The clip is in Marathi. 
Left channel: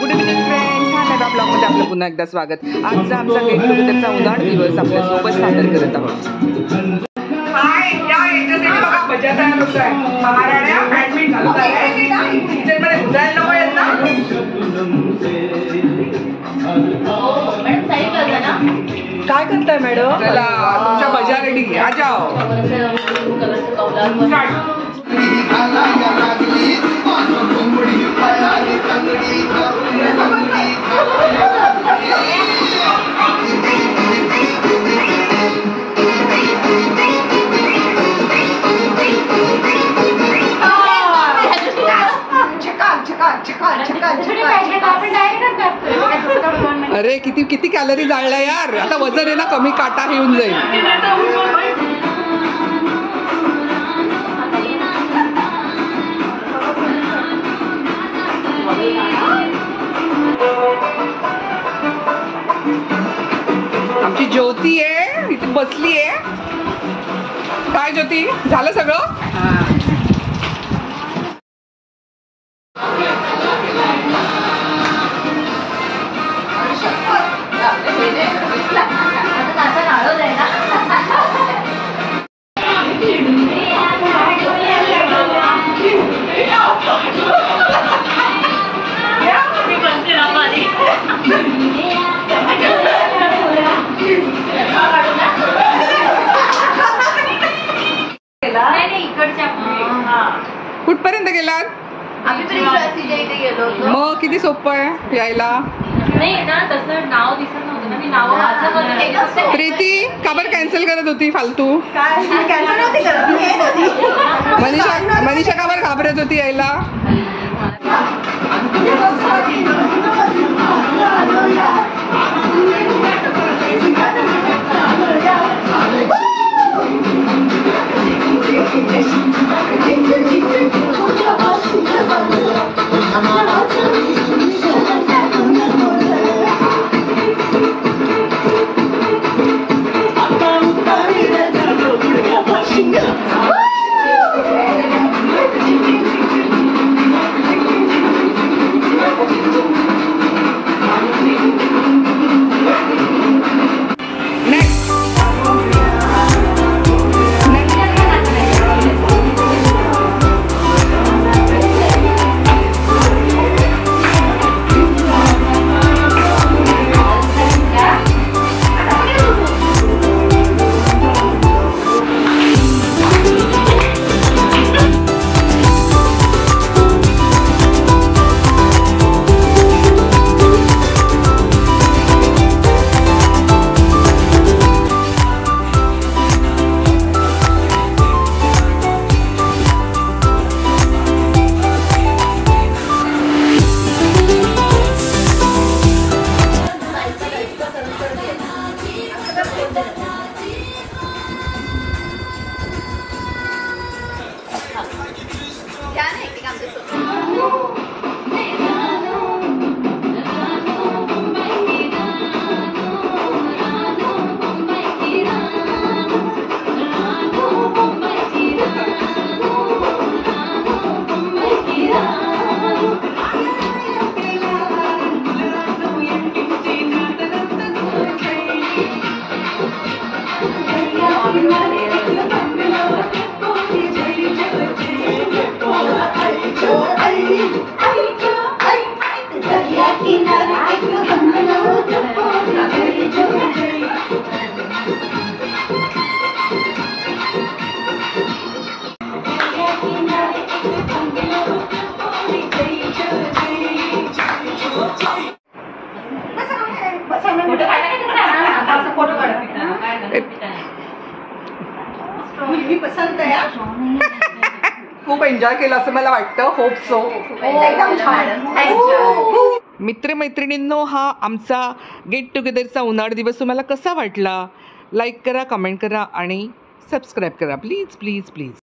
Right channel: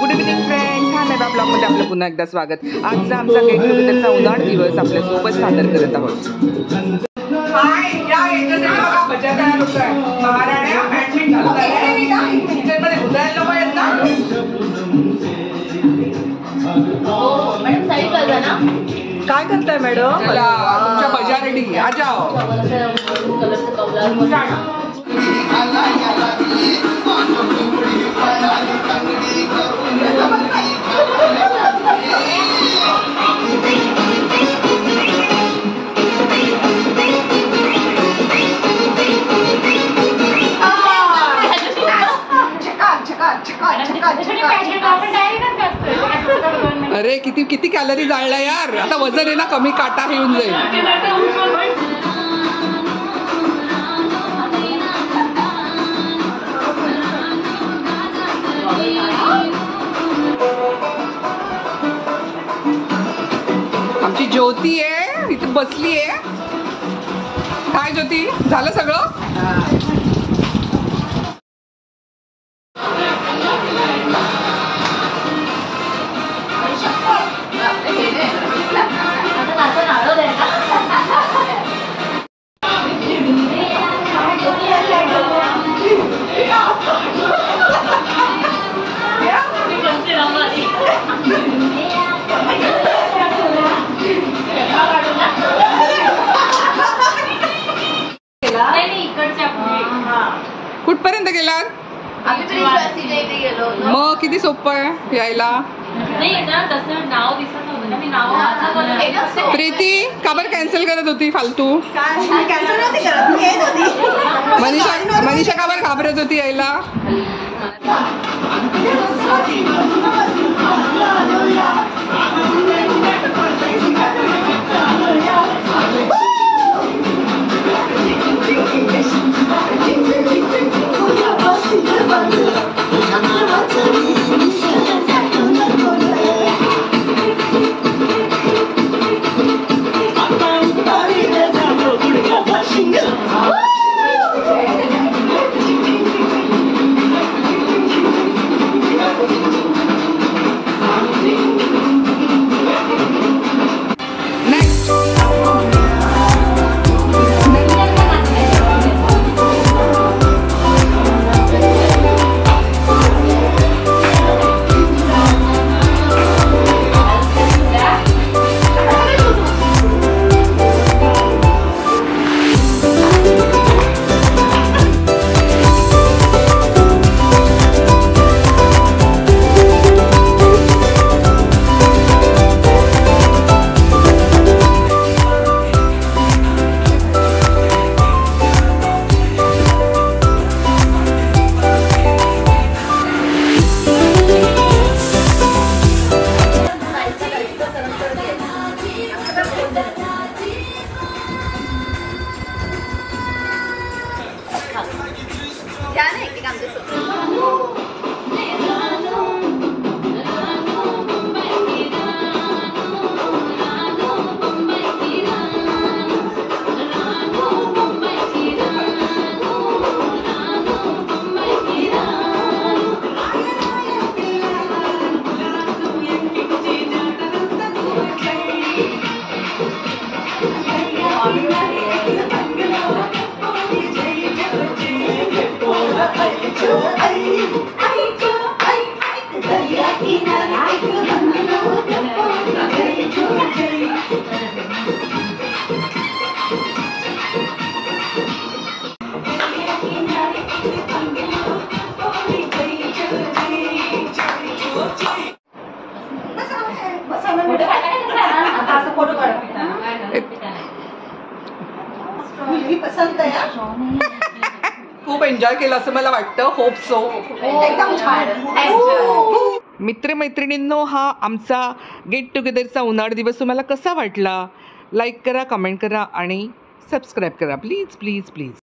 गुड इव्हनिंग फ्रेंड्स, हा नव्या ब्लॉगमध्ये आपलं पुन्हा एकदा स्वागत. आजचा आमचा गेट टुगेदरचा उन्हाळ दिवस आपल्यासोबत सादर करत आहोत. हाय, या याच्यासाठी बघा भज्या तयार होत आहे. महाराण्या बॅडमिंटन चालू झालंय. किचनमध्ये उजायला नको येत ना. मॅडम साईड कर ना. काय करताय मॅडम? चला तुमच्या भज्या रेडी. आ जाओ. अरे किती किती कॅलरी जाळल्या यार. आता वजन आहे ना कमी, काटा हे येऊन जाईल. आमची ज्योती आहे इथे बसली आहे. काय ज्योती, झालं सगळं? कुठपर्यंत गेलात? मग किती सोपं आहे यायला. प्रीती का बरं कॅन्सल करत होती फालतू? मनीषा का बरं घाबरत होती यायला? खूप एन्जॉय केलं असं मला वाटतं. Hope so. एकदम छान. मित्रमैत्रिणींनो, हा आमचा गेट टुगेदरचा उन्हाळ दिवस तुम्हाला कसा वाटला? लाईक करा, कमेंट करा आणि सबस्क्राईब करा प्लीज प्लीज प्लीज.